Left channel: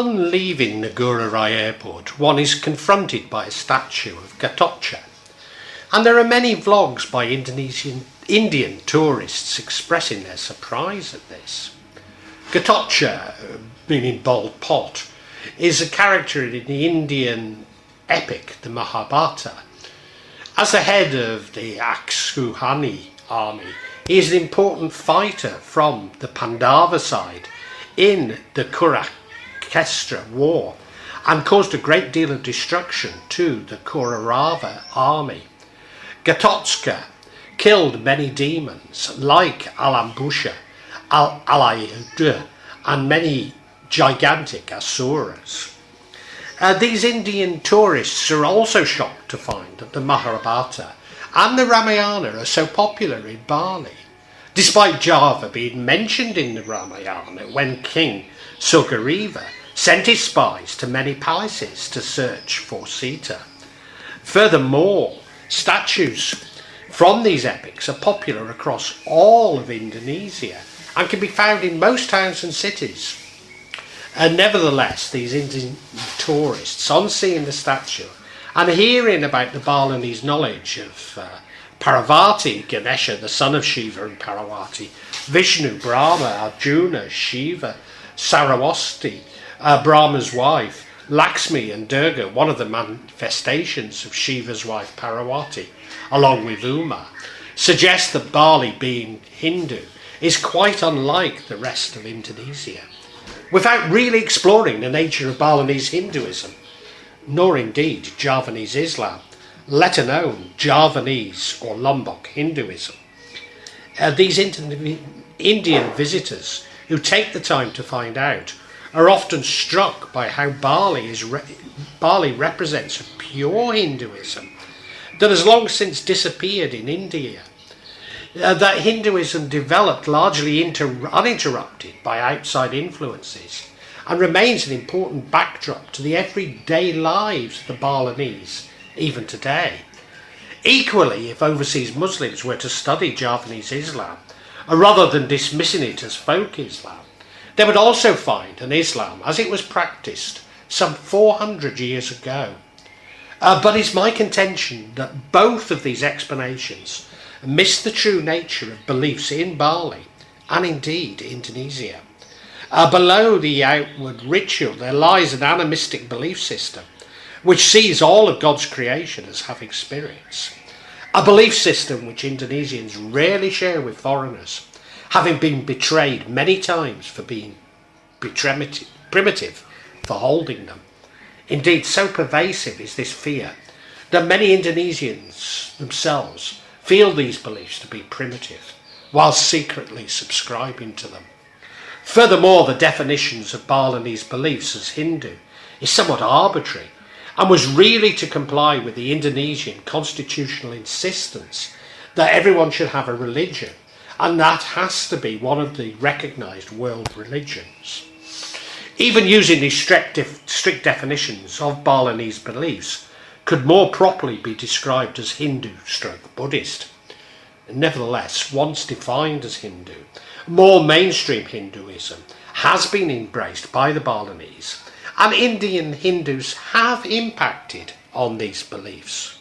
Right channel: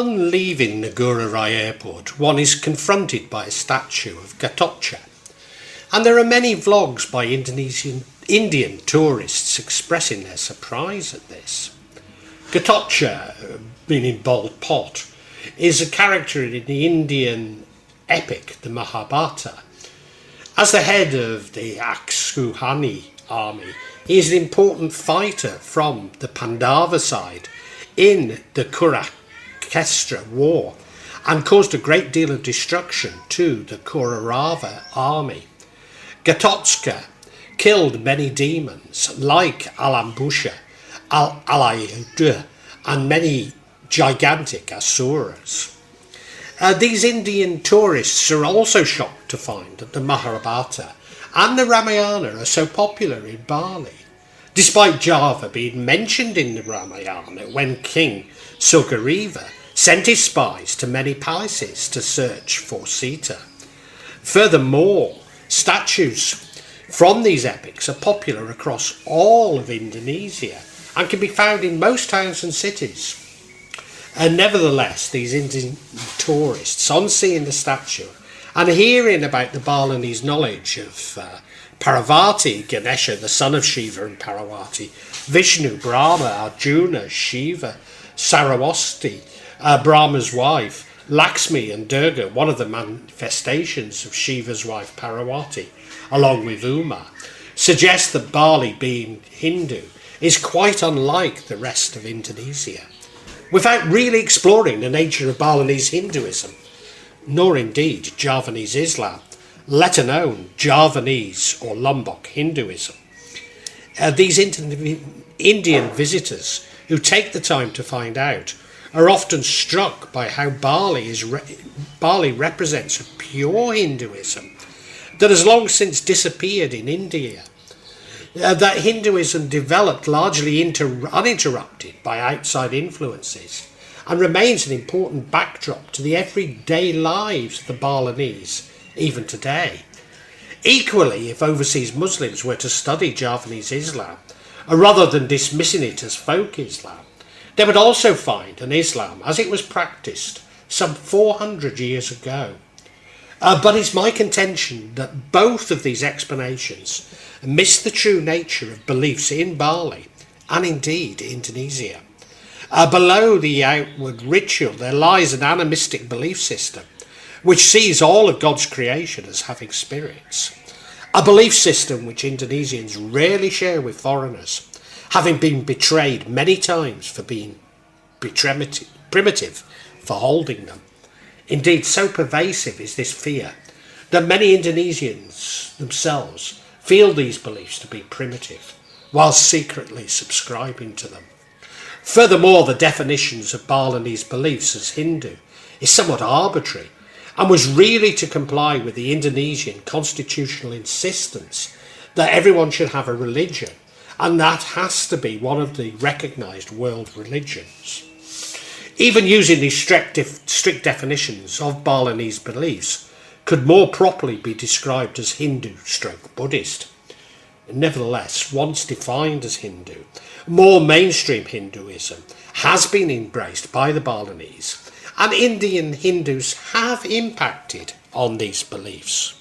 Upon leaving Ngururai airport, one is confronted by a statue of Gatot, and there are many vlogs by Indian tourists expressing their surprise at this. Gatot, meaning bald pot, is a character in the Indian epic, the Mahabharata. As the head of the Akshauhani army, he is an important fighter from the Pandava side in the Kurukshetra war and caused a great deal of destruction to the Kaurava army. Gatotkacha killed many demons like Alambusha, Alayudha and many gigantic asuras. These Indian tourists are also shocked to find that the Mahabharata and the Ramayana are so popular in Bali, despite Java being mentioned in the Ramayana when King Sugriva sent his spies to many places to search for Sita. Furthermore, statues from these epics are popular across all of Indonesia and can be found in most towns and cities. And nevertheless, these Indian tourists, on seeing the statue and hearing about the Balinese knowledge of Parvati, Ganesha, the son of Shiva and Parvati, Vishnu, Brahma, Arjuna, Shiva, Saraswati, Brahma's wife, Lakshmi and Durga, one of the manifestations of Shiva's wife Parvati, along with Uma, suggest that Bali, being Hindu, is quite unlike the rest of Indonesia, without really exploring the nature of Balinese Hinduism, nor indeed Javanese Islam, let alone Javanese or Lombok Hinduism. These Indian visitors who take the time to find out are often struck by how Bali represents a pure Hinduism that has long since disappeared in India. That Hinduism developed largely uninterrupted by outside influences and remains an important backdrop to the everyday lives of the Balinese, even today. Equally, if overseas Muslims were to study Javanese Islam, rather than dismissing it as folk Islam, they would also find an Islam as it was practiced some 400 years ago. But it's my contention that both of these explanations miss the true nature of beliefs in Bali and indeed Indonesia. Below the outward ritual there lies an animistic belief system which sees all of God's creation as having spirits. A belief system which Indonesians rarely share with foreigners, having been betrayed many times for being primitive for holding them. Indeed, so pervasive is this fear that many Indonesians themselves feel these beliefs to be primitive, while secretly subscribing to them. Furthermore, the definitions of Balinese beliefs as Hindu is somewhat arbitrary and was really to comply with the Indonesian constitutional insistence that everyone should have a religion, and that has to be one of the recognised world religions. Even using these strict definitions of Balinese beliefs could more properly be described as Hindu/Buddhist. Nevertheless, once defined as Hindu, more mainstream Hinduism has been embraced by the Balinese, and Indian Hindus have impacted on these beliefs.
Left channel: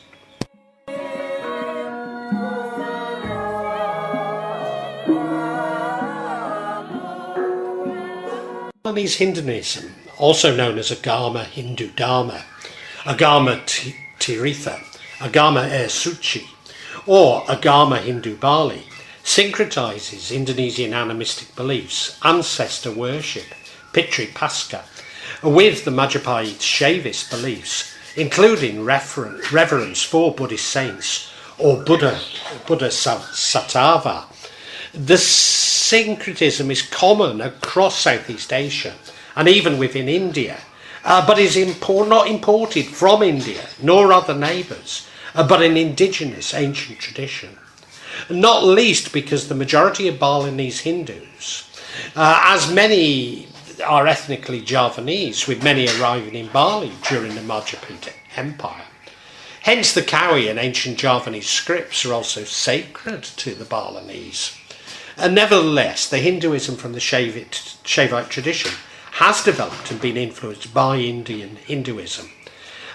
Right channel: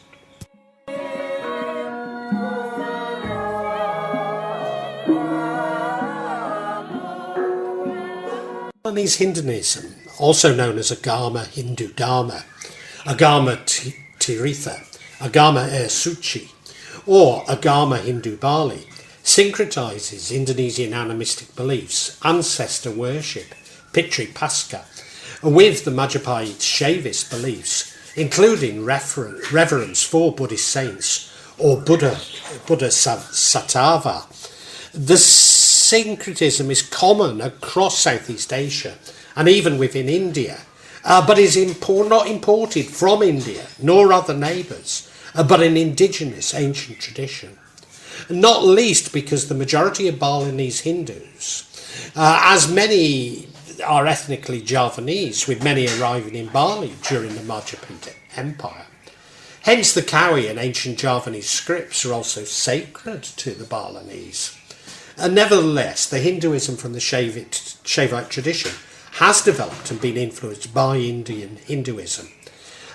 Balinese Hinduism, also known as Agama Hindu Dharma, Agama Tirtha, Agama Air Suci, or Agama Hindu Bali, syncretizes Indonesian animistic beliefs, ancestor worship, Pitri Pasca, with the Majapahit Shaivist beliefs, including reverence for Buddhist saints or Buddha Sattva. The syncretism is common across Southeast Asia and even within India, but is not imported from India nor other neighbours, but an indigenous ancient tradition. Not least because the majority of Balinese Hindus, as many are ethnically Javanese, with many arriving in Bali during the Majapahit Empire. Hence the Kawi and ancient Javanese scripts are also sacred to the Balinese. Nevertheless, the Hinduism from the Shaivite tradition has developed and been influenced by Indian Hinduism.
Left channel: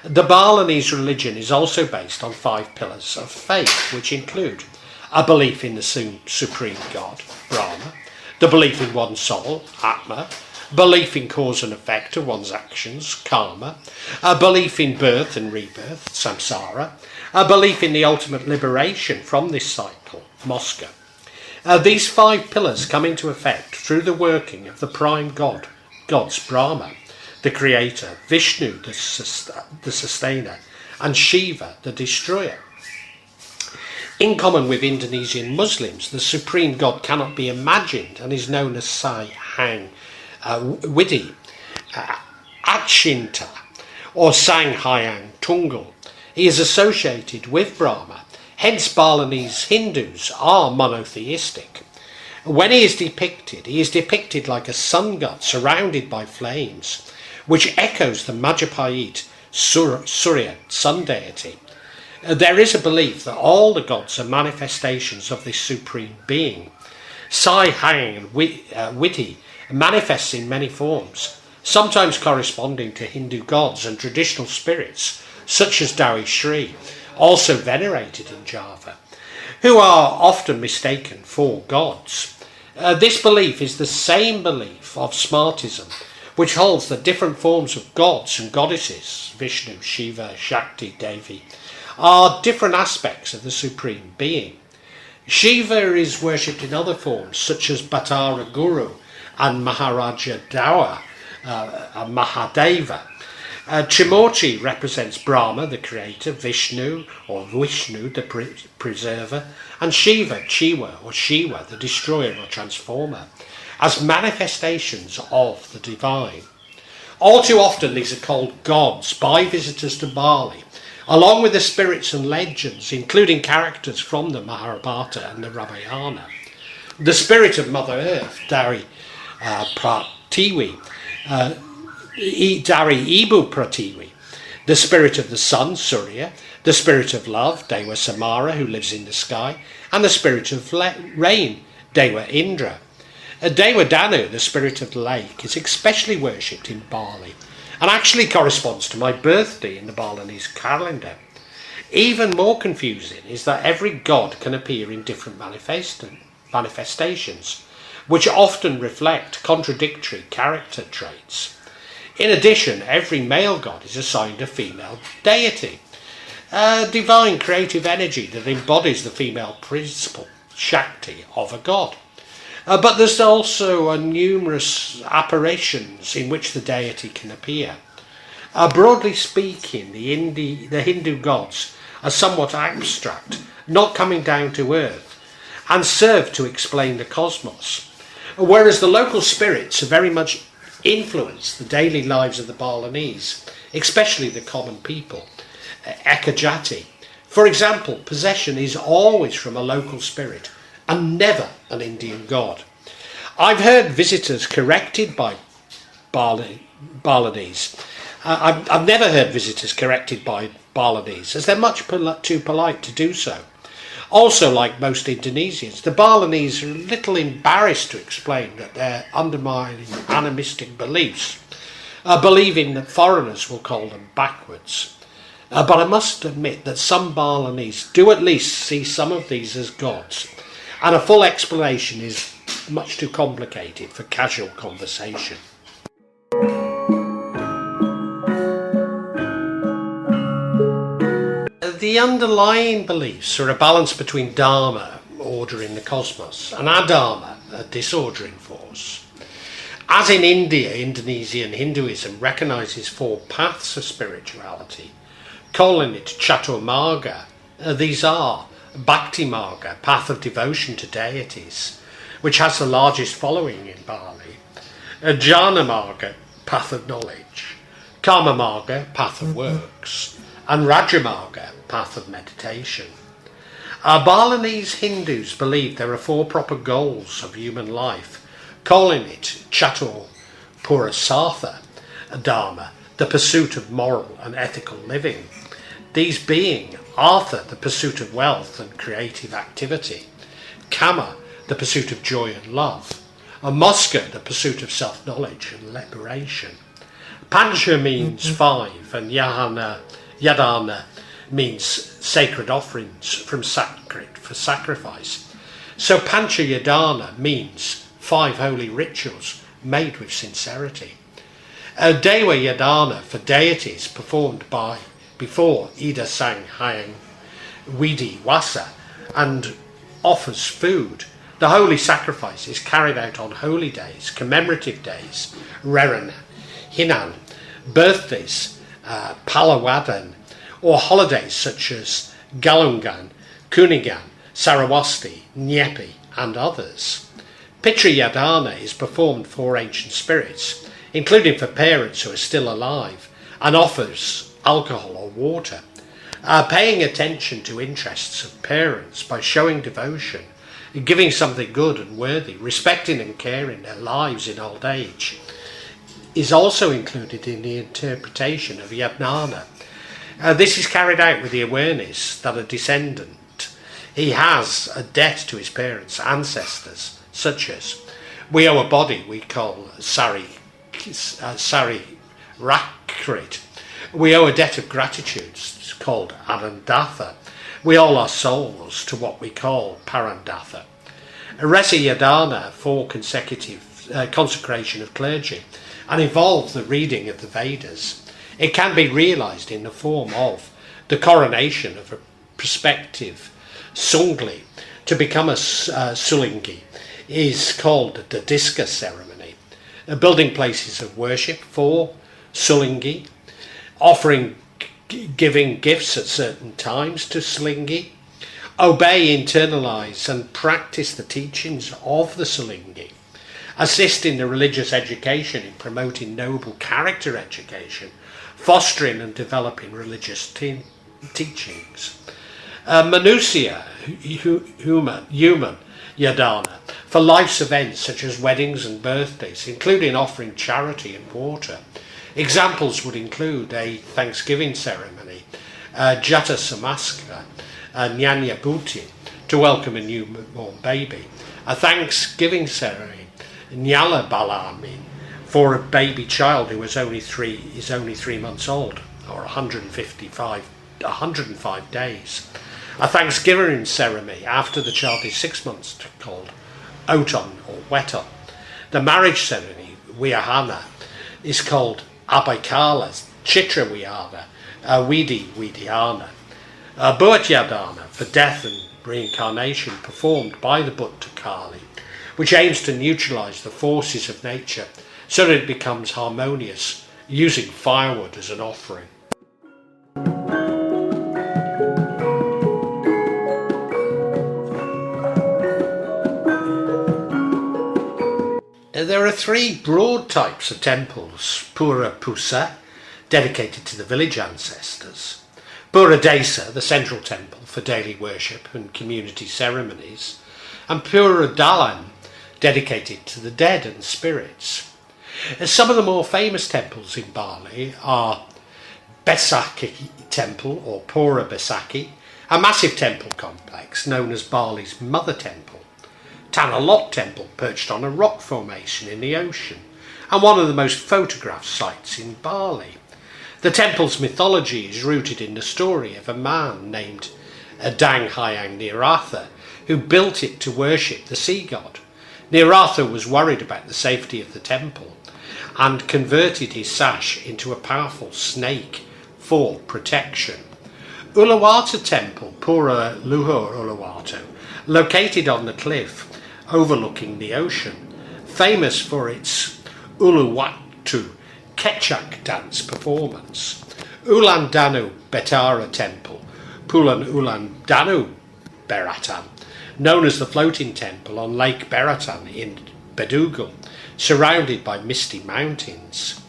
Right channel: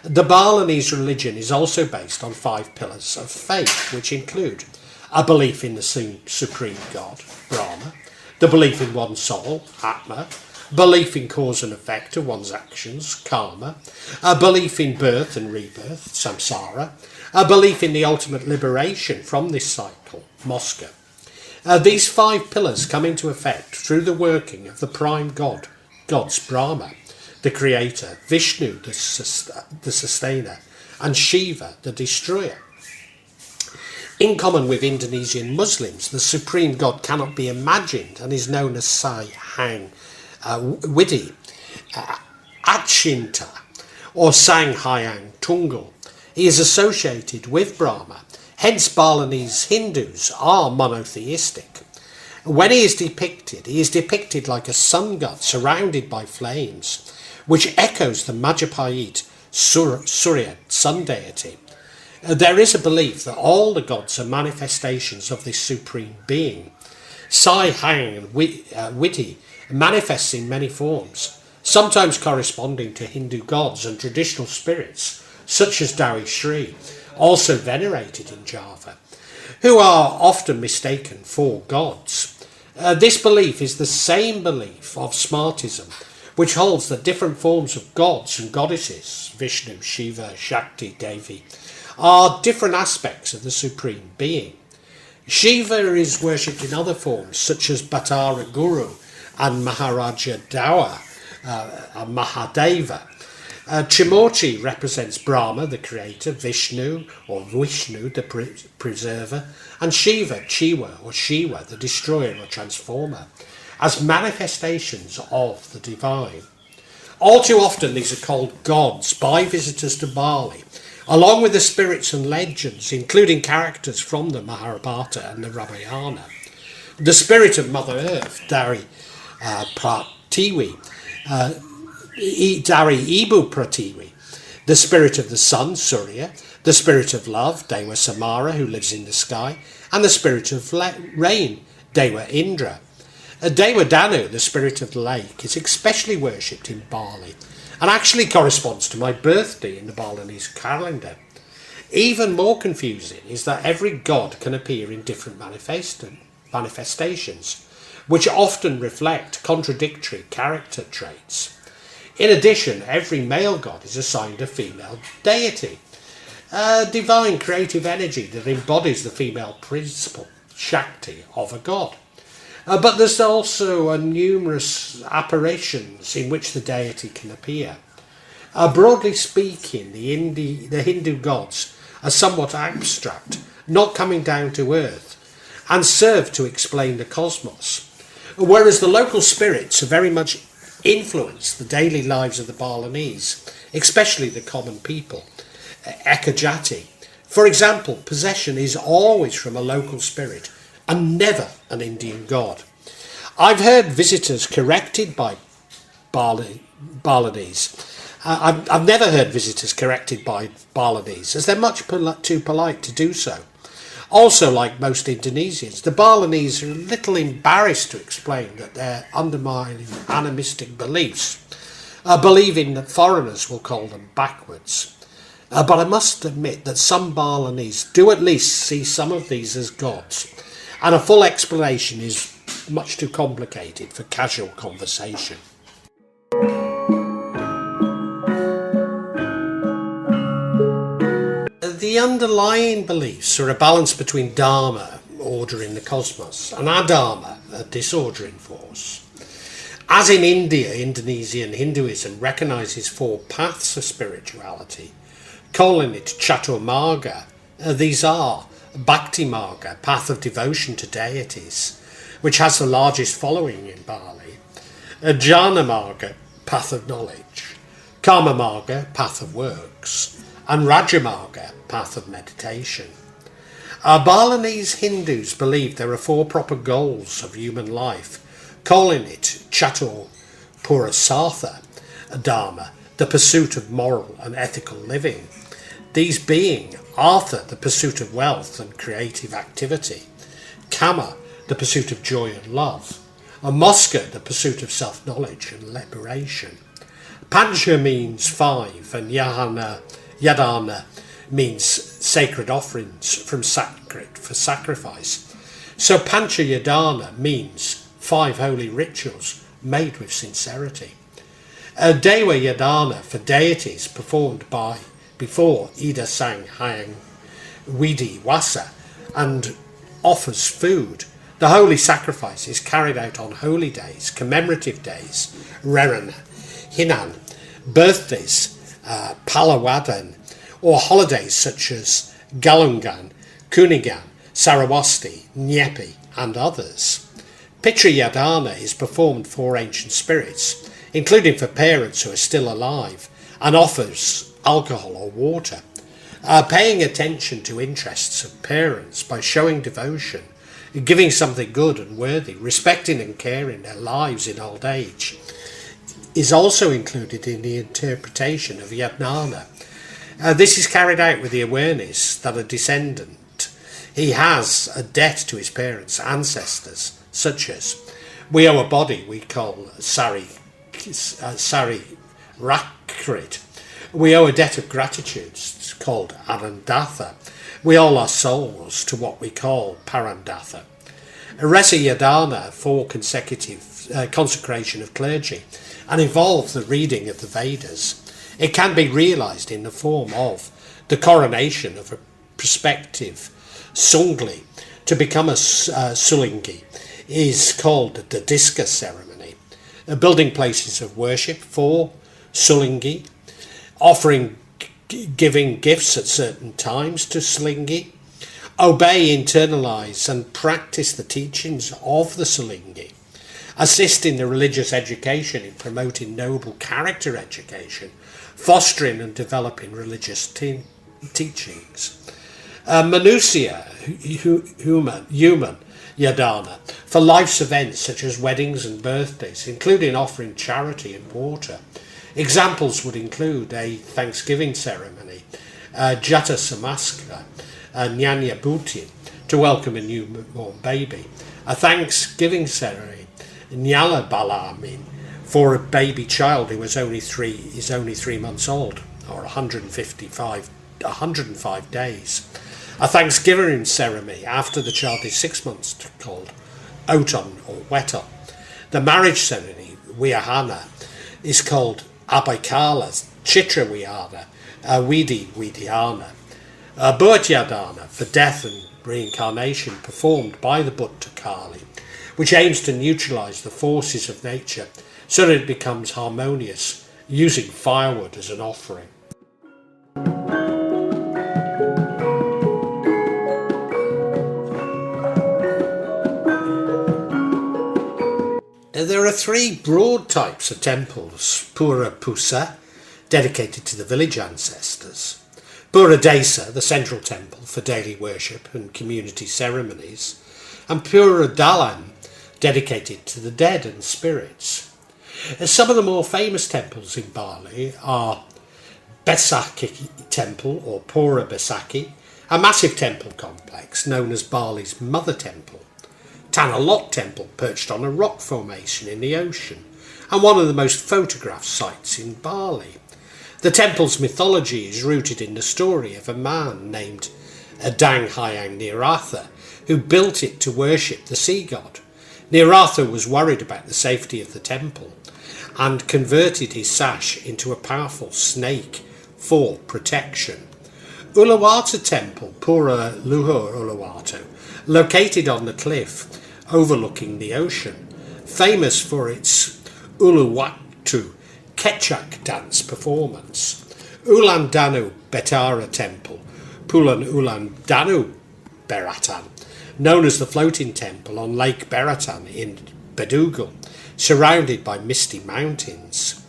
The Balinese religion is also based on 5 pillars of faith, which include a belief in the supreme God, Brahma, the belief in one's soul, Atma, belief in cause and effect of one's actions, karma, a belief in birth and rebirth, samsara, a belief in the ultimate liberation from this cycle, moksha. These 5 pillars come into effect through the working of the prime gods Brahma, the creator, Vishnu, the sustainer, and Shiva, the destroyer. In common with Indonesian Muslims, the supreme god cannot be imagined and is known as Sai Hang Widi, Achinta, or Sang Hyang Tunggal. He is associated with Brahma, hence Balinese Hindus are monotheistic. When he is depicted like a sun god surrounded by flames, which echoes the Majapahit Surya sun deity. There is a belief that all the gods are manifestations of this supreme being. Sai Hang Widi manifests in many forms, sometimes corresponding to Hindu gods and traditional spirits, such as Dewi Shri, also venerated in Java, who are often mistaken for gods. This belief is the same belief of Smartism, which holds that different forms of gods and goddesses, Vishnu, Shiva, Shakti, Devi, are different aspects of the supreme being. Shiva is worshipped in other forms, such as Bhattara Guru and Maharaja Dawa, Mahadeva. Trimurti represents Brahma, the creator, Vishnu, the preserver, and Shiva, Chiva, or Shiva, the destroyer or transformer, as manifestations of the divine. All too often these are called gods by visitors to Bali, along with the spirits and legends, including characters from the Mahabharata and the Ramayana. The spirit of Mother Earth, Dari Pratiwi, Dari Ibu Pratiwi, the spirit of the sun, Surya, the spirit of love, Dewa Samara, who lives in the sky, and the spirit of rain, Dewa Indra. Dewa Danu, the spirit of the lake, is especially worshipped in Bali and actually corresponds to my birthday in the Balinese calendar. Even more confusing is that every god can appear in different manifestations, which often reflect contradictory character traits. In addition, every male god is assigned a female deity, a divine creative energy that embodies the female principle, Shakti, of a god. But there's also numerous apparitions in which the deity can appear. Broadly speaking, the Hindu gods are somewhat abstract, not coming down to earth, and serve to explain the cosmos, whereas the local spirits are very much influence the daily lives of the Balinese, especially the common people, Ekajati. For example, possession is always from a local spirit and never an Indian god. I've heard visitors corrected by Balinese. I've never heard visitors corrected by Balinese, as they're much too polite to do so. Also, like most Indonesians, the Balinese are a little embarrassed to explain that they're undermining animistic beliefs, believing that foreigners will call them backwards. But I must admit that some Balinese do at least see some of these as gods, and a full explanation is much too complicated for casual conversation. The underlying beliefs are a balance between Dharma, order in the cosmos, and Adharma, a disorder in force. As in India, Indonesian Hinduism recognises 4 paths of spirituality, calling it Chaturmarga. These are Bhakti Marga, path of devotion to deities, which has the largest following in Bali, Jnana Marga, path of knowledge, Karma Marga, path of works, and Raja Marga, path of meditation. Balinese Hindus believe there are 4 proper goals of human life, calling it Chatur Purasartha Dharma, the pursuit of moral and ethical living. These being Artha, the pursuit of wealth and creative activity, Kama, the pursuit of joy and love, and Moska, the pursuit of self-knowledge and liberation. Pancha means 5, and Yadana means sacred offerings from sacred for sacrifice. So Pancha Yadana means 5 holy rituals made with sincerity. Dewa Yadana for deities performed before Ida Sang Hyang Widi Wasa and offers food. The holy sacrifice is carried out on holy days, commemorative days, Reran, Hinan, birthdays, Palawadan, or holidays such as Galungan, Kunigan, Sarawasti, Nyepi, and others. Pitri Yadana is performed for ancient spirits, including for parents who are still alive, and offers alcohol or water. Paying attention to interests of parents by showing devotion, giving something good and worthy, respecting and caring their lives in old age, is also included in the interpretation of Yadnana. This is carried out with the awareness that a descendant, he has a debt to his parents, ancestors, such as, we owe a body we call Sari Rakrit. We owe a debt of gratitude called Anandatha. We owe our souls to what we call Parandatha. Resi Yadana for consecutive consecration of clergy and involves the reading of the Vedas. It can be realised in the form of the coronation of a prospective Sungli. To become a Sulingi is called the Diska ceremony. Building places of worship for Sulingi, offering giving gifts at certain times to Sulingi, obey, internalise and practice the teachings of the Sulingi, assist in the religious education in promoting noble character education, fostering and developing religious teachings. Manusia, human Yadana, for life's events such as weddings and birthdays, including offering charity and water. Examples would include a Thanksgiving ceremony, Jata Samaskara, Nyanya Bhuti, to welcome a newborn baby, a Thanksgiving ceremony, Nyala Balamin, for a baby child who is only 3 months old, or 105 days. A Thanksgiving ceremony after the child is 6 months, called Oton or Weton. The marriage ceremony, Wiyahana, is called Abaikala, Chitra Wiyana, Widiana. Bhutyadana for death and reincarnation performed by the Bhutta Kali, which aims to neutralise the forces of nature so that it becomes harmonious, using firewood as an offering. There are 3 broad types of temples: Pura Pusa, dedicated to the village ancestors; Pura Desa, the central temple for daily worship and community ceremonies; and Pura Dalam, dedicated to the dead and spirits. Some of the more famous temples in Bali are Besaki Temple or Pura Besaki, a massive temple complex known as Bali's Mother Temple; Tanah Lot Temple, perched on a rock formation in the ocean, and one of the most photographed sites in Bali. The temple's mythology is rooted in the story of a man named Adang Hyang Niratha, who built it to worship the sea god. Niratha was worried about the safety of the temple and converted his sash into a powerful snake for protection. Uluwatu Temple, Pura Luhur Uluwatu, located on the cliff overlooking the ocean, famous for its Uluwatu Kechak dance performance. Ulandanu Betara Temple, Pulan Ulandanu Beratan, known as the floating temple on Lake Beratan in Bedugal, surrounded by misty mountains.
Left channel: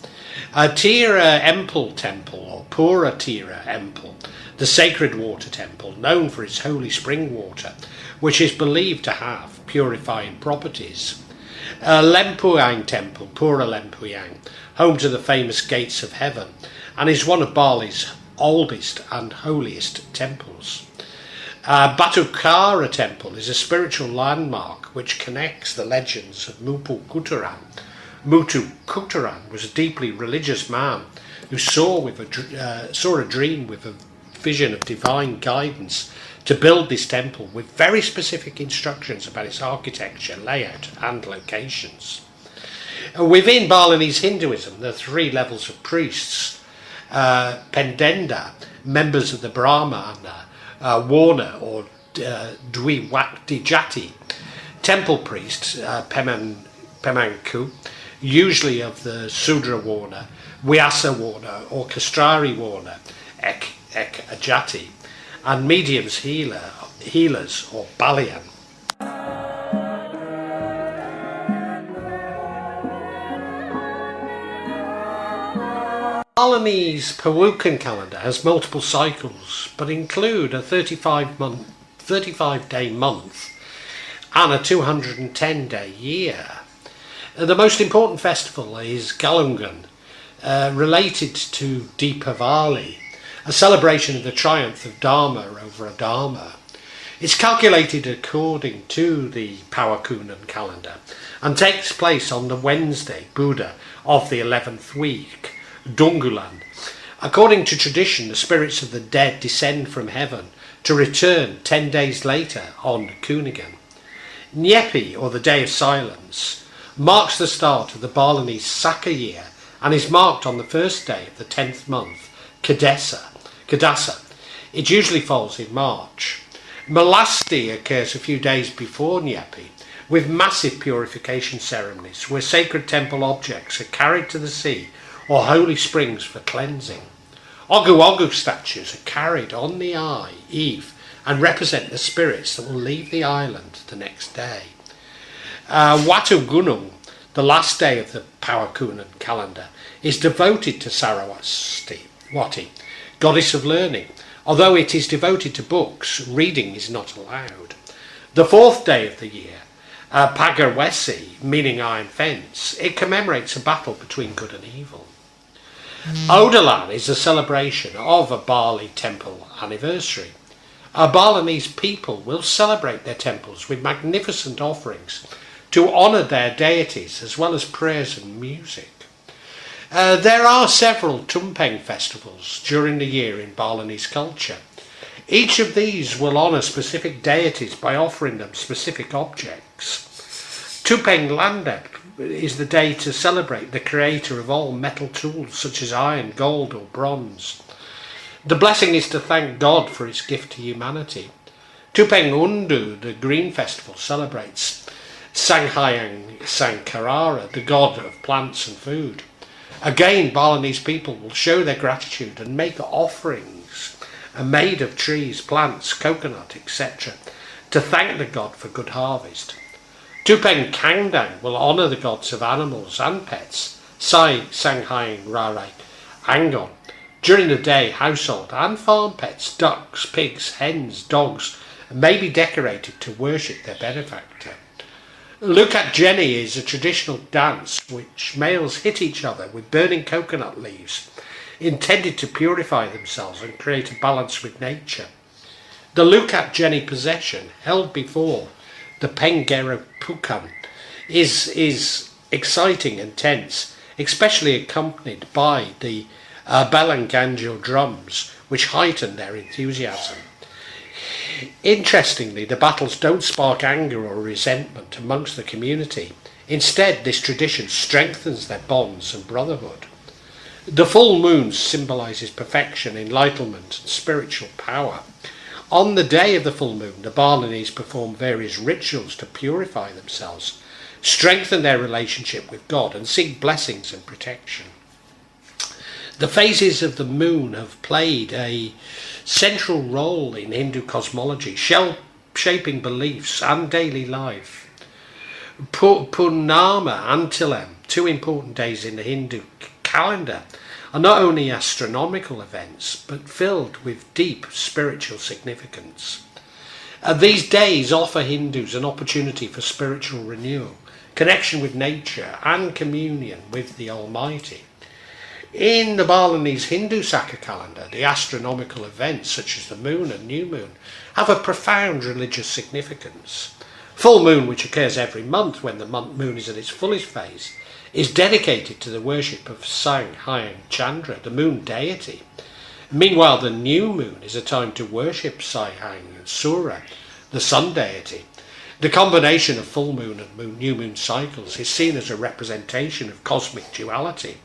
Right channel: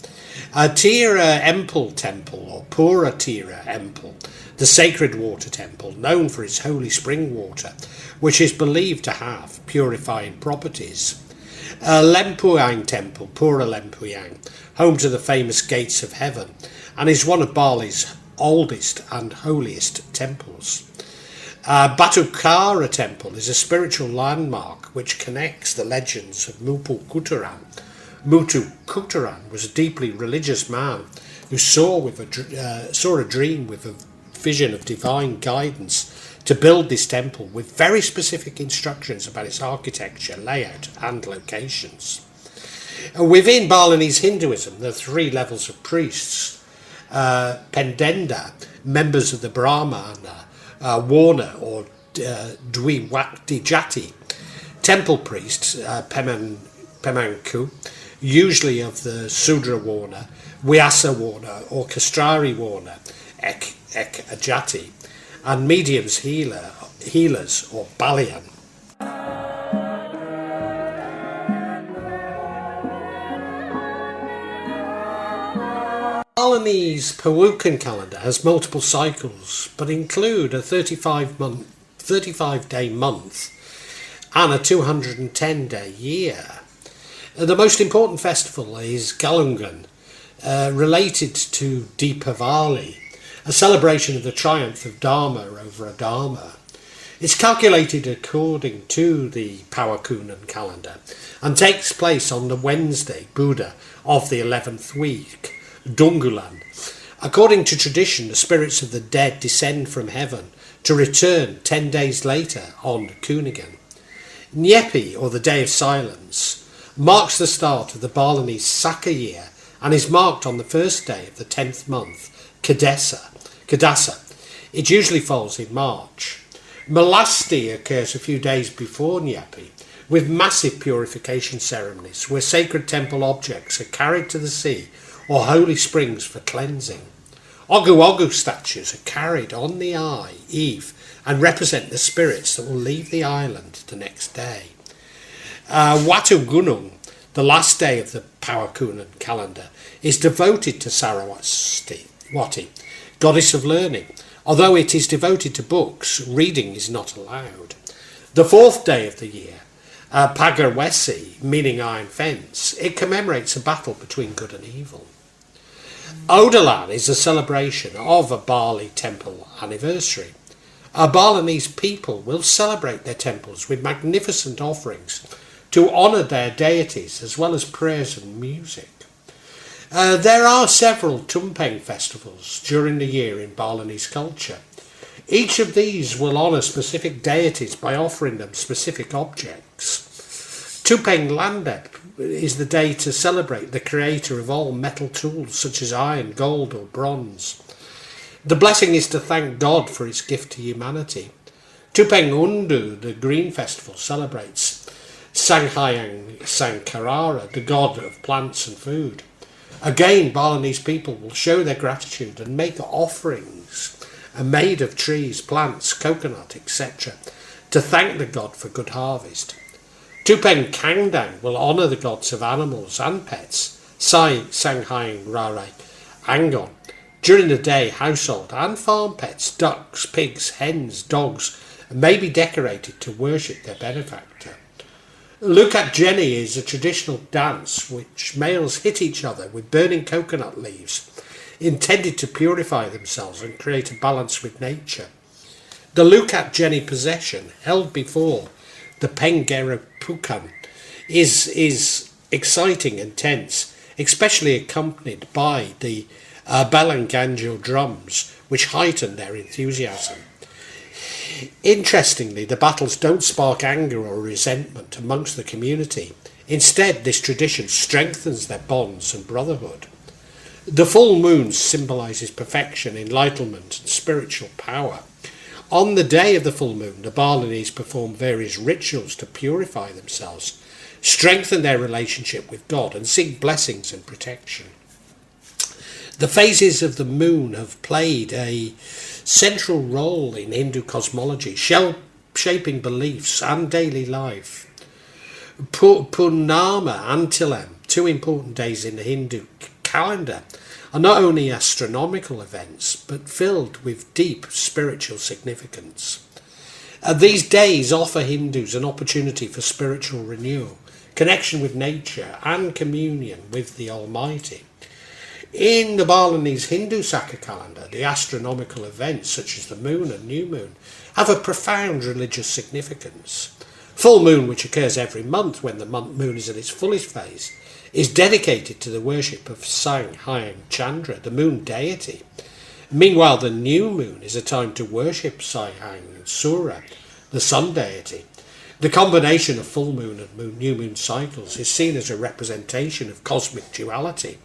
Tira Empel Temple, or Pura Tira Empel, the sacred water temple, known for its holy spring water, which is believed to have purifying properties. Lempuyang Temple, Pura Lempuyang, home to the famous gates of heaven, and is one of Bali's oldest and holiest temples. Batukara Temple is a spiritual landmark which connects the legends of Mupu Kuturan. Mutu Kuturan was a deeply religious man who saw a dream with a vision of divine guidance to build this temple with very specific instructions about its architecture, layout and locations. Within Balinese Hinduism, there are 3 levels of priests. Pendenda, members of the Brahmana, Warna or Dwiwakti Jati, temple priests, Pemanku, usually of the Sudra Warna, Vyasa Warna or Kastrari Warna, Ek Ajati, and mediums healers or Balian. Balinese Pewukan calendar has multiple cycles, but include a 35-day month and a 210-day year. The most important festival is Galungan, related to Deepavali, a celebration of the triumph of Dharma over Adharma. It's calculated according to the Pewukan calendar and takes place on the Wednesday, Buddha, of the 11th week, Dungulan. According to tradition, the spirits of the dead descend from heaven to return 10 days later on Kunigan. Nyepi, or the Day of Silence, marks the start of the Balinese Saka year and is marked on the first day of the 10th month, Kadasa. It usually falls in March. Malasti occurs a few days before Nyepi, with massive purification ceremonies where sacred temple objects are carried to the sea or holy springs for cleansing. Ogu Ogu statues are carried on the eve and represent the spirits that will leave the island the next day. Watu Gunung, the last day of the Pewukan calendar, is devoted to Saraswati, goddess of learning. Although it is devoted to books, reading is not allowed. The 4th day of the year, Pagarwesi, meaning iron fence, it commemorates a battle between good and evil. Odalan is a celebration of a Bali temple anniversary. Our Balinese people will celebrate their temples with magnificent offerings to honour their deities, as well as prayers and music. There are several Tumpeng festivals during the year in Balinese culture. Each of these will honour specific deities by offering them specific objects. Tumpeng Landep is the day to celebrate the creator of all metal tools such as iron, gold or bronze. The blessing is to thank God for his gift to humanity. Tumpeng Undu, the Green Festival, celebrates Sanghyang Sangkarara, the god of plants and food. Again, Balinese people will show their gratitude and make offerings made of trees, plants, coconut, etc., to thank the god for good harvest. Tumpeng Kangdang will honour the gods of animals and pets, Sai Sanghyang Rare Angon. During the day, household and farm pets, ducks, pigs, hens, dogs, may be decorated to worship their benefactor. Lukat Jenny is a traditional dance which males hit each other with burning coconut leaves, intended to purify themselves and create a balance with nature. The Lukat Jenny procession, held before the Penggera Pukan, is exciting and tense, especially accompanied by the Balanganjo drums, which heighten their enthusiasm. Interestingly, the battles don't spark anger or resentment amongst the community. Instead, this tradition strengthens their bonds and brotherhood. The full moon symbolises perfection, enlightenment and spiritual power. On the day of the full moon, the Balinese perform various rituals to purify themselves, strengthen their relationship with God and seek blessings and protection. The phases of the moon have played a central role in Hindu cosmology, shaping beliefs and daily life. Purnama and Tilem, 2 important days in the Hindu calendar, are not only astronomical events, but filled with deep spiritual significance. These days offer Hindus an opportunity for spiritual renewal, connection with nature and communion with the Almighty. In the Balinese Hindu Saka calendar, the astronomical events such as the moon and new moon have a profound religious significance. Full moon, which occurs every month when the moon is at its fullest phase, is dedicated to the worship of Sang Hyang Chandra, the moon deity. Meanwhile, the new moon is a time to worship Sai Hyang Sura, the sun deity. The combination of full moon and new moon cycles is seen as a representation of cosmic duality,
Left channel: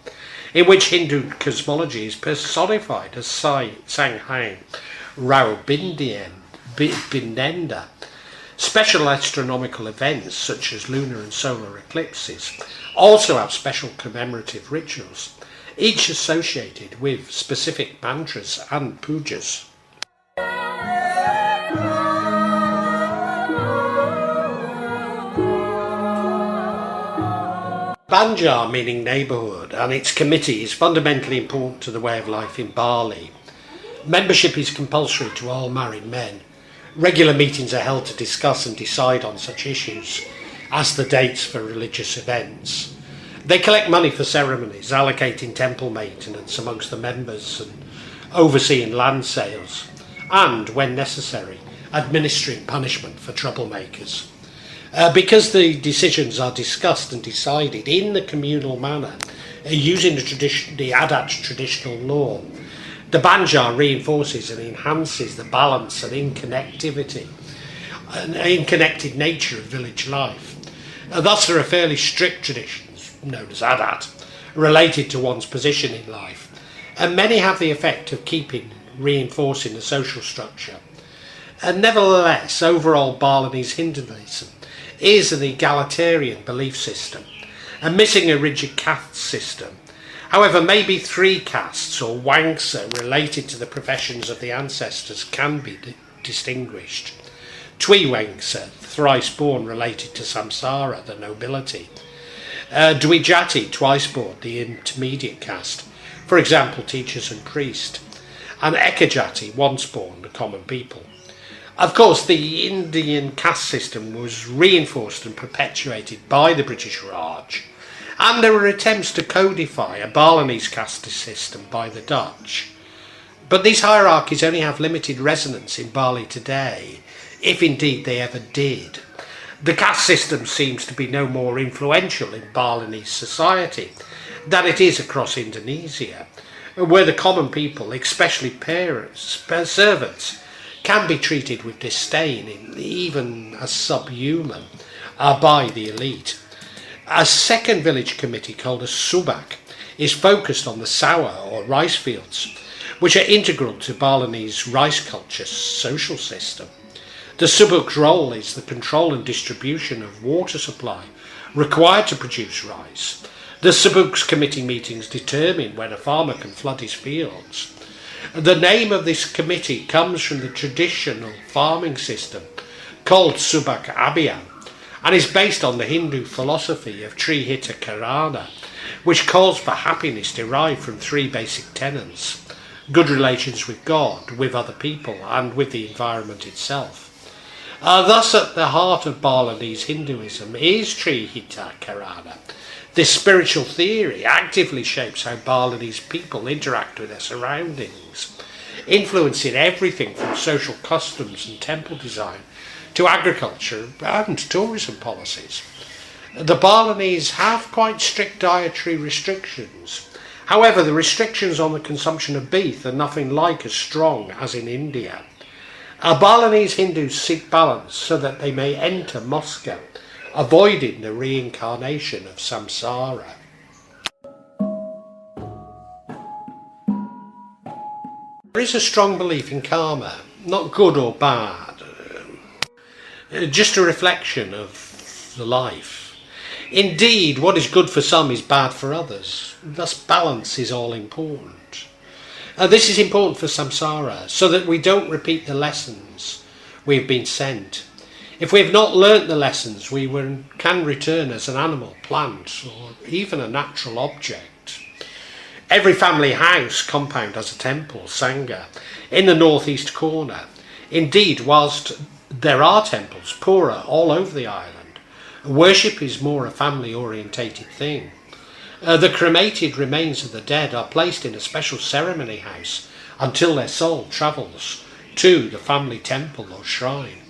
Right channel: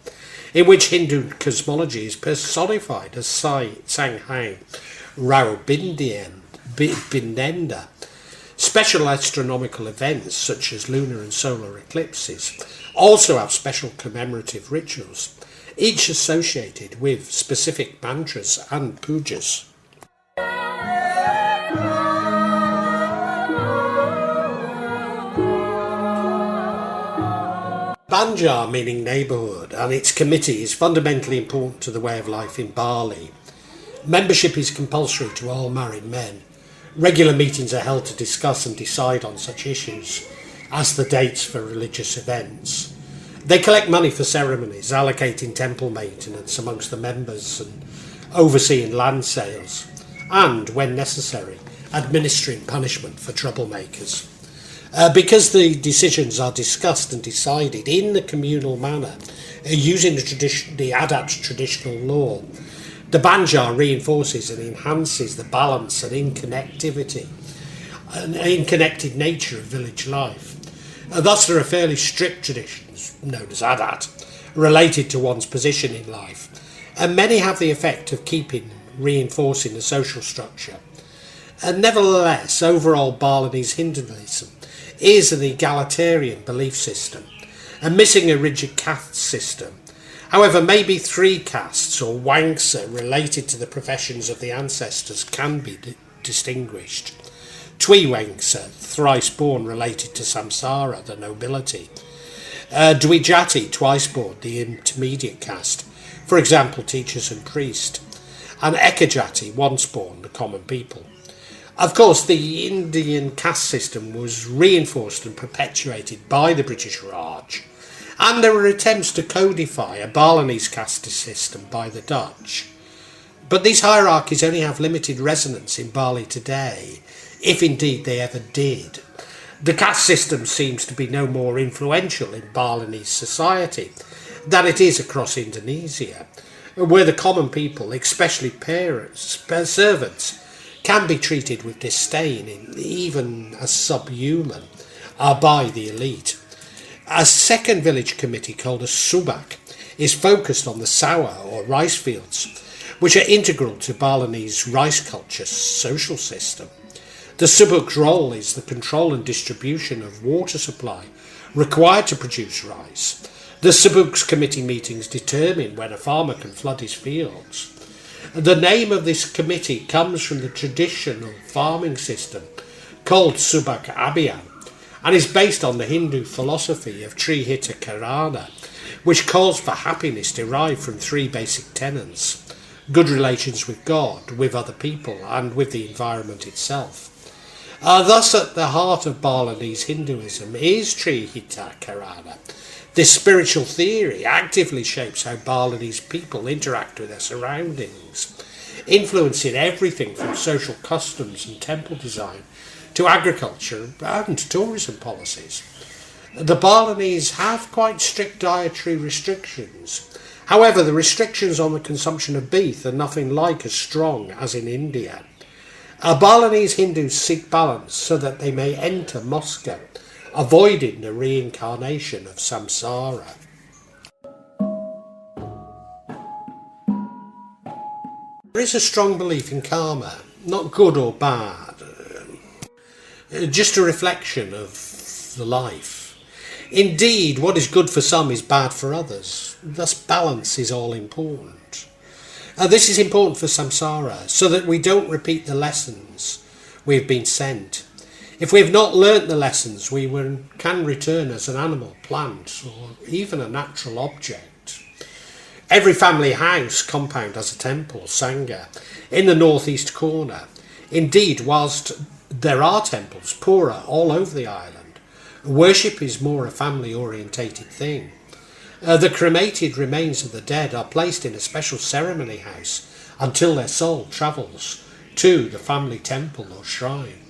in which Hindu cosmology is personified as Sanghang Rao Binenda. Special astronomical events such as lunar and solar eclipses also have special commemorative rituals, each associated with specific mantras and pujas. Banjar, meaning neighbourhood, and its committee is fundamentally important to the way of life in Bali. Membership is compulsory to all married men. Regular meetings are held to discuss and decide on such issues as the dates for religious events. They collect money for ceremonies, allocating temple maintenance amongst the members and overseeing land sales, and, when necessary, administering punishment for troublemakers. Because the decisions are discussed and decided in the communal manner, using the Adat traditional law, the Banjar reinforces and enhances the balance and interconnected nature of village life. Thus, there are fairly strict traditions, known as Adat, related to one's position in life, and many have the effect of reinforcing the social structure. And nevertheless, overall Balinese Hinduism is an egalitarian belief system, and missing a rigid caste system. However, maybe 3 castes or Wangsa related to the professions of the ancestors can be distinguished. Twi Wangsa, thrice born, related to samsara, the nobility. Dwijati, twice born, the intermediate caste, for example, teachers and priests. And Ekajati, once born, the common people. Of course, the Indian caste system was reinforced and perpetuated by the British Raj, and there were attempts to codify a Balinese caste system by the Dutch. But these hierarchies only have limited resonance in Bali today, if indeed they ever did. The caste system seems to be no more influential in Balinese society than it is across Indonesia, where the common people, especially parents, servants, can be treated with disdain, even as subhuman, by the elite. A second village committee called a subak is focused on the sawah or rice fields, which are integral to Balinese rice culture social system. The subak's role is the control and distribution of water supply required to produce rice. The subak's committee meetings determine when a farmer can flood his fields. The name of this committee comes from the traditional farming system called Subak Abhiyan and is based on the Hindu philosophy of Trihita Karana, which calls for happiness derived from 3 basic tenets: good relations with God, with other people, and with the environment itself. Thus, at the heart of Balinese Hinduism is Trihita Karana. This spiritual theory actively shapes how Balinese people interact with their surroundings, influencing everything from social customs and temple design to agriculture and tourism policies. The Balinese have quite strict dietary restrictions. However, the restrictions on the consumption of beef are nothing like as strong as in India. Balinese Hindus seek balance so that they may enter moksha, avoiding the reincarnation of samsara. There is a strong belief in karma, not good or bad, just a reflection of the life. Indeed, what is good for some is bad for others. Thus, balance is all important. This is important for samsara, so that we don't repeat the lessons we've been sent. If we have not learnt the lessons, we can return as an animal, plant, or even a natural object. Every family house compound has a temple, sangha, in the northeast corner. Indeed, whilst there are temples, pura, all over the island, worship is more a family-orientated thing. The cremated remains of the dead are placed in a special ceremony house until their soul travels to the family temple or shrine.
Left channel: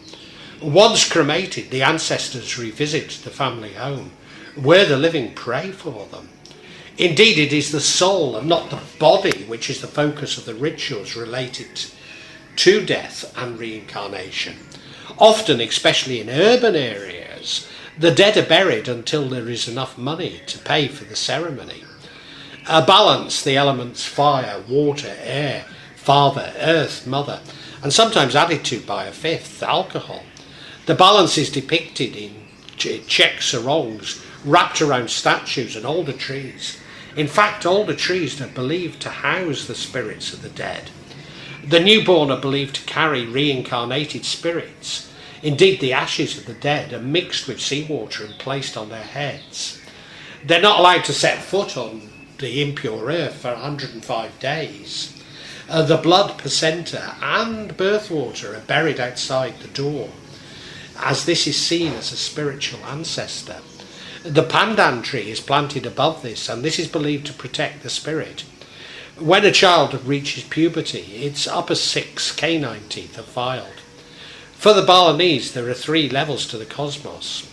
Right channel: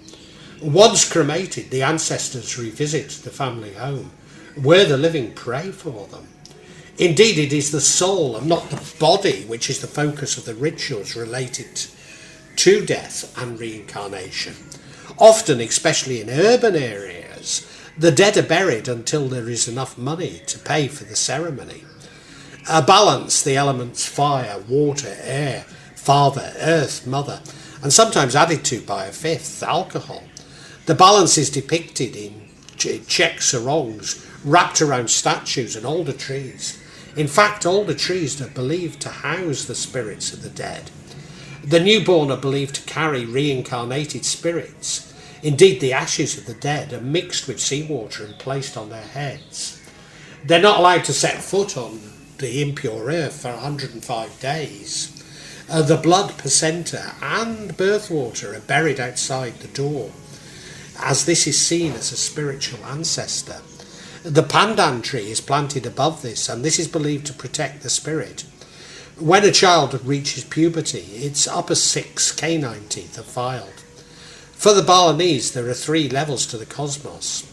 Once cremated, the ancestors revisit the family home, where the living pray for them. Indeed, it is the soul and not the body which is the focus of the rituals related to death and reincarnation. Often, especially in urban areas, the dead are buried until there is enough money to pay for the ceremony. Balance the elements fire, water, air, father, earth, mother, and sometimes added to by a fifth, alcohol. The balance is depicted in Czech sarongs wrapped around statues and older trees. In fact, older trees are believed to house the spirits of the dead. The newborn are believed to carry reincarnated spirits. Indeed, the ashes of the dead are mixed with seawater and placed on their heads. They're not allowed to set foot on the impure earth for 105 days. The blood, placenta and birth water are buried outside the door, as this is seen as a spiritual ancestor. The pandan tree is planted above this, and this is believed to protect the spirit. When a child reaches puberty, its upper 6 canine teeth are filed. For the Balinese, there are 3 levels to the cosmos.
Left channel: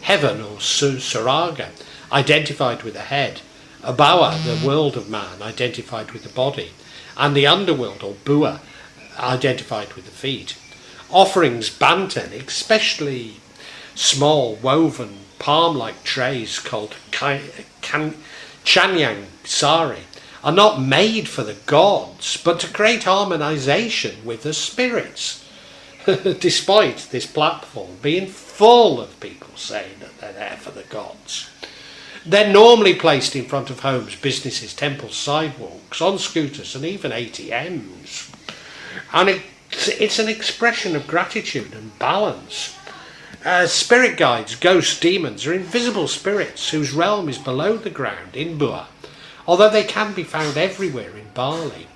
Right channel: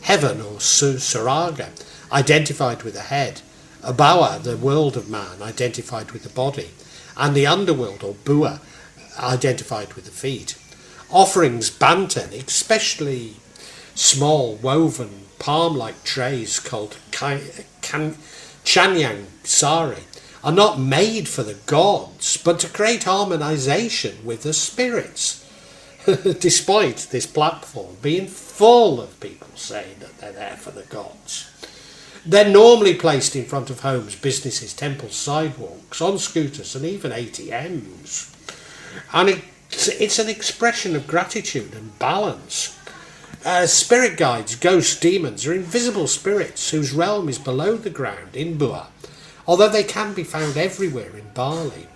Heaven, or Suraga, identified with the head. Abawa, the world of man, identified with the body. And the underworld, or Bua, identified with the feet. Offerings banten, especially small woven palm-like trays called chanyang sari, are not made for the gods, but to create harmonization with the spirits. Despite this platform being full of people saying that they're there for the gods. They're normally placed in front of homes, businesses, temples, sidewalks, on scooters and even ATMs. And it's an expression of gratitude and balance. Spirit guides, ghosts, demons are invisible spirits whose realm is below the ground in Bua, although they can be found everywhere in Bali.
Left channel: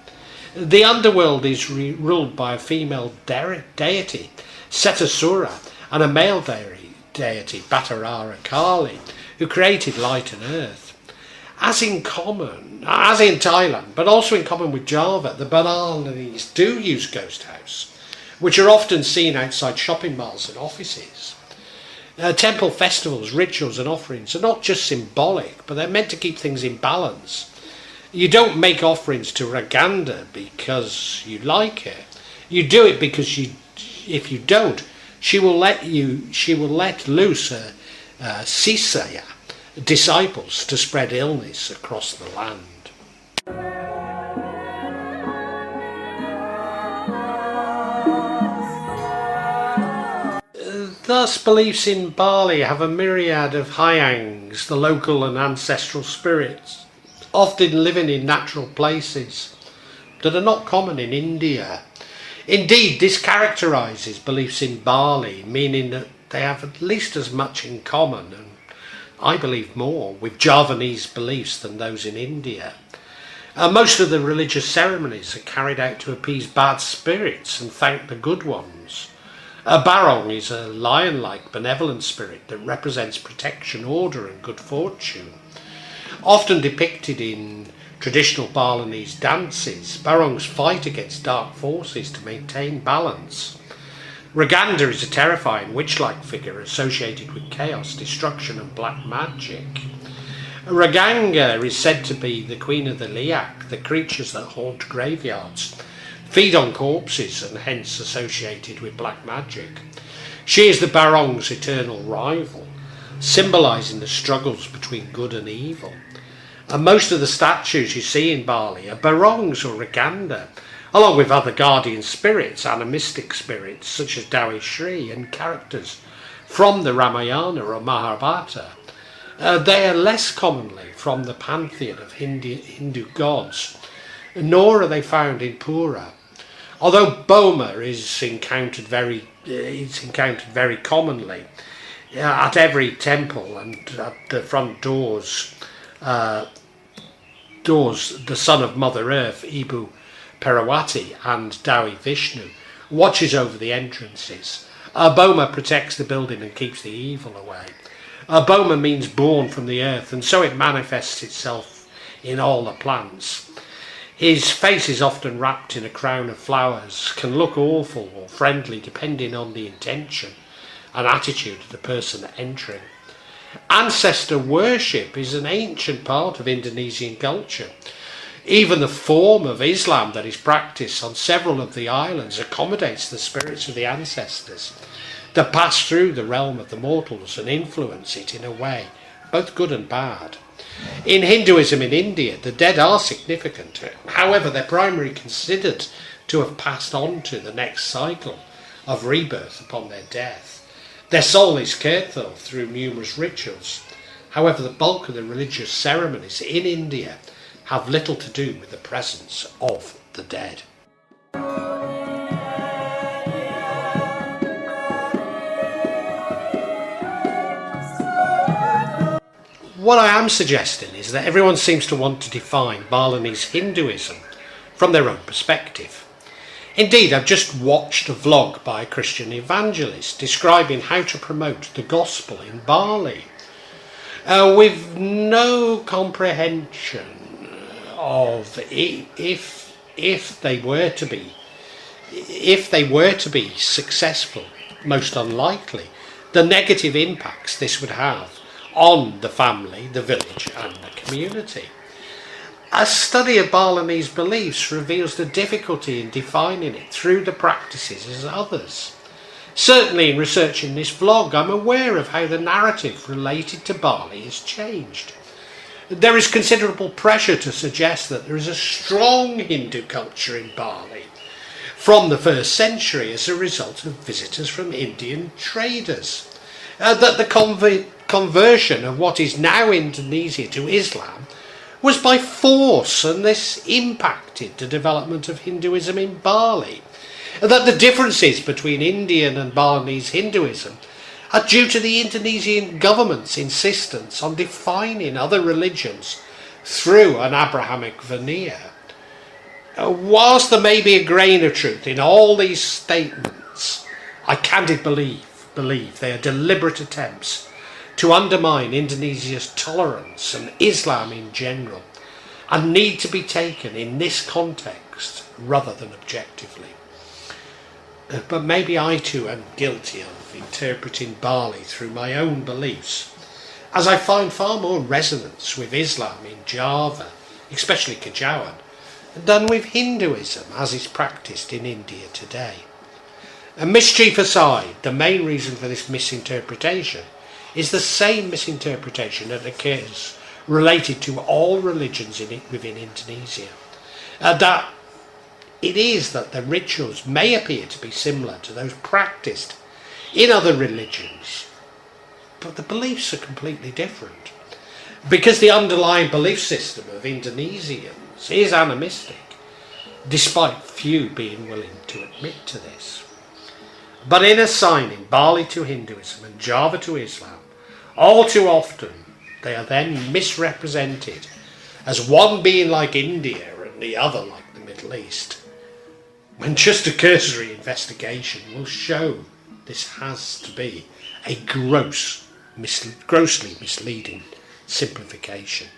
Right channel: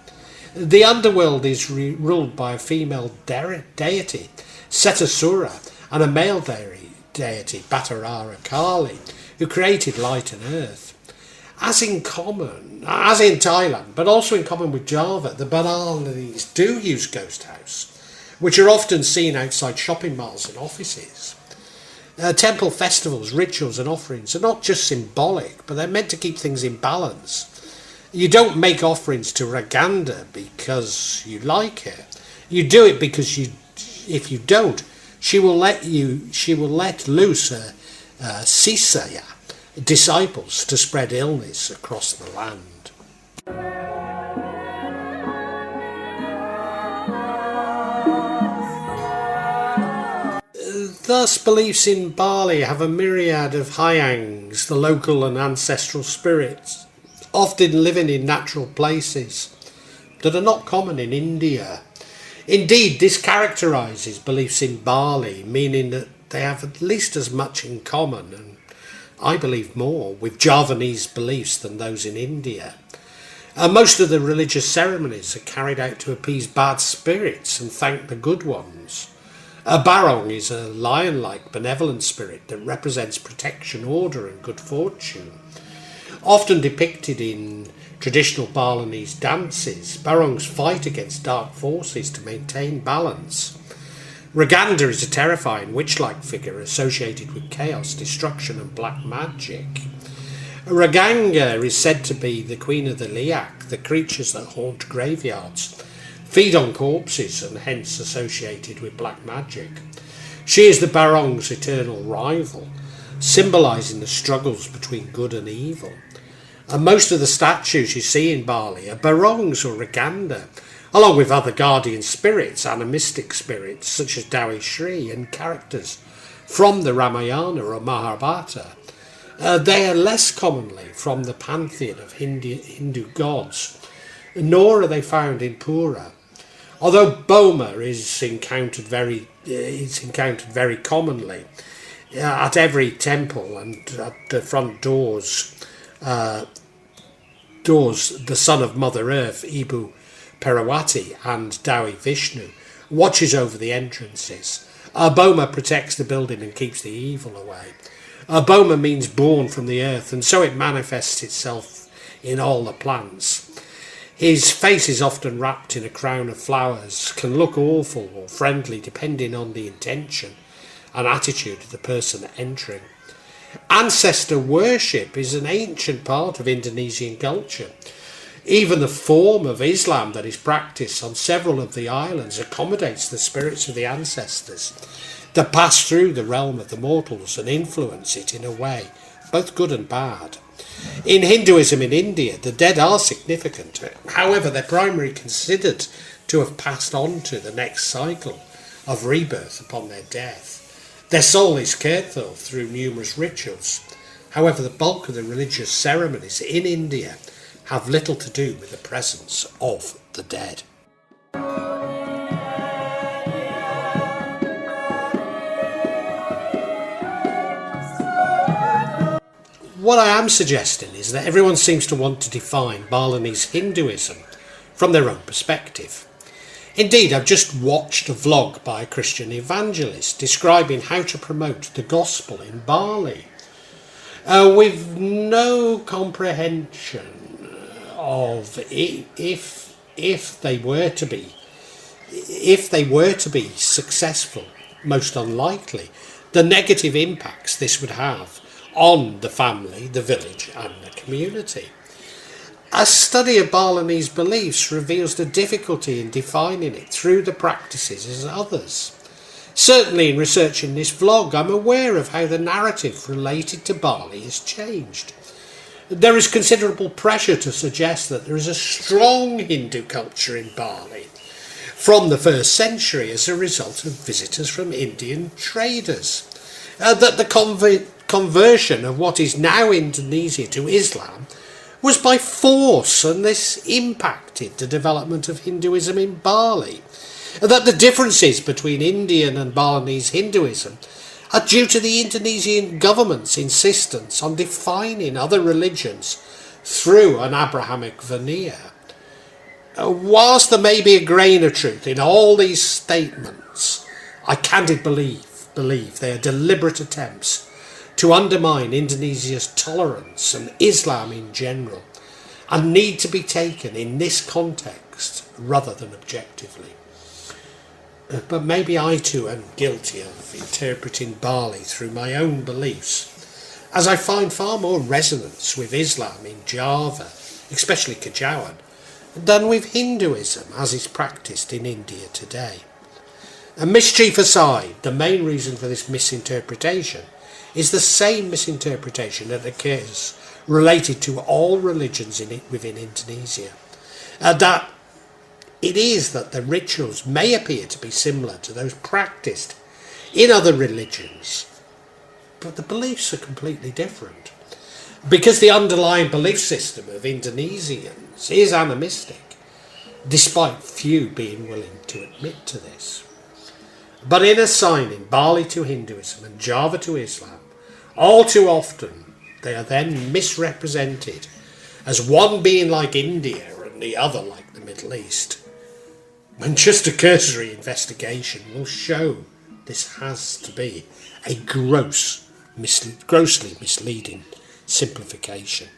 The underworld is ruled by a female deity, Setasura, and a male deity, Batara Kali, who created light and earth. As in Thailand, but also in common with Java, the Balinese do use ghost house, which are often seen outside shopping malls and offices. Temple festivals, rituals and offerings are not just symbolic, but they're meant to keep things in balance. You don't make offerings to Raganda because you like her. You do it because if you don't, she will let loose her Sisaya disciples to spread illness across the land. Thus, beliefs in Bali have a myriad of hyangs, the local and ancestral spirits, often living in natural places that are not common in India. Indeed, this characterises beliefs in Bali, meaning that they have at least as much in common, and I believe more, with Javanese beliefs than those in India. Most of the religious ceremonies are carried out to appease bad spirits and thank the good ones. A barong is a lion-like benevolent spirit that represents protection, order and good fortune. Often depicted in traditional Balinese dances, barongs fight against dark forces to maintain balance. Raganda is a terrifying witch-like figure associated with chaos, destruction and black magic. Raganga is said to be the queen of the liak, the creatures that haunt graveyards, feed on corpses and hence associated with black magic. She is the barong's eternal rival, symbolising the struggles between good and evil. And most of the statues you see in Bali are barongs or Raganda, along with other guardian spirits, animistic spirits such as Dawi Shri and characters from the Ramayana or Mahabharata. They are less commonly from the pantheon of Hindu gods, nor are they found in Pura. Although Boma is encountered very commonly at every temple and at the front doors, the son of Mother Earth, Ibu Perawati and Dawi Vishnu, watches over the entrances. Boma protects the building and keeps the evil away. Boma means born from the earth, and so it manifests itself in all the plants. His face is often wrapped in a crown of flowers, can look awful or friendly depending on the intention and attitude of the person entering. Ancestor worship is an ancient part of Indonesian culture. Even the form of Islam that is practiced on several of the islands accommodates the spirits of the ancestors that pass through the realm of the mortals and influence it in a way, both good and bad. In Hinduism in India, the dead are significant. However, they're primarily considered to have passed on to the next cycle of rebirth upon their death. Their soul is cared for through numerous rituals. However, the bulk of the religious ceremonies in India have little to do with the presence of the dead. What I am suggesting is that everyone seems to want to define Balinese Hinduism from their own perspective. Indeed, I've just watched a vlog by a Christian evangelist describing how to promote the gospel in Bali, with no comprehension of if they were to be successful, most unlikely, the negative impacts this would have on the family, the village and the community. A study of Balinese beliefs reveals the difficulty in defining it through the practices of others. Certainly in researching this vlog, I'm aware of how the narrative related to Bali has changed. There is considerable pressure to suggest that there is a strong Hindu culture in Bali from the 1st century as a result of visitors from Indian traders. That the conversion of what is now Indonesia to Islam was by force, and this impacted the development of Hinduism in Bali. That the differences between Indian and Balinese Hinduism are due to the Indonesian government's insistence on defining other religions through an Abrahamic veneer. Whilst there may be a grain of truth in all these statements, I candidly believe they are deliberate attempts to undermine Indonesia's tolerance and Islam in general, and need to be taken in this context rather than objectively. But maybe I too am guilty of interpreting Bali through my own beliefs, as I find far more resonance with Islam in Java, especially Kajawan, than with Hinduism as is practiced in India today. And mischief aside, the main reason for this misinterpretation is the same misinterpretation that occurs related to all religions within Indonesia. That it is that the rituals may appear to be similar to those practiced in other religions, but the beliefs are completely different. Because the underlying belief system of Indonesians is animistic, despite few being willing to admit to this. But in assigning Bali to Hinduism and Java to Islam, all too often they are then misrepresented as one being like India and the other like the Middle East, when just a cursory investigation will show this has to be a grossly misleading simplification.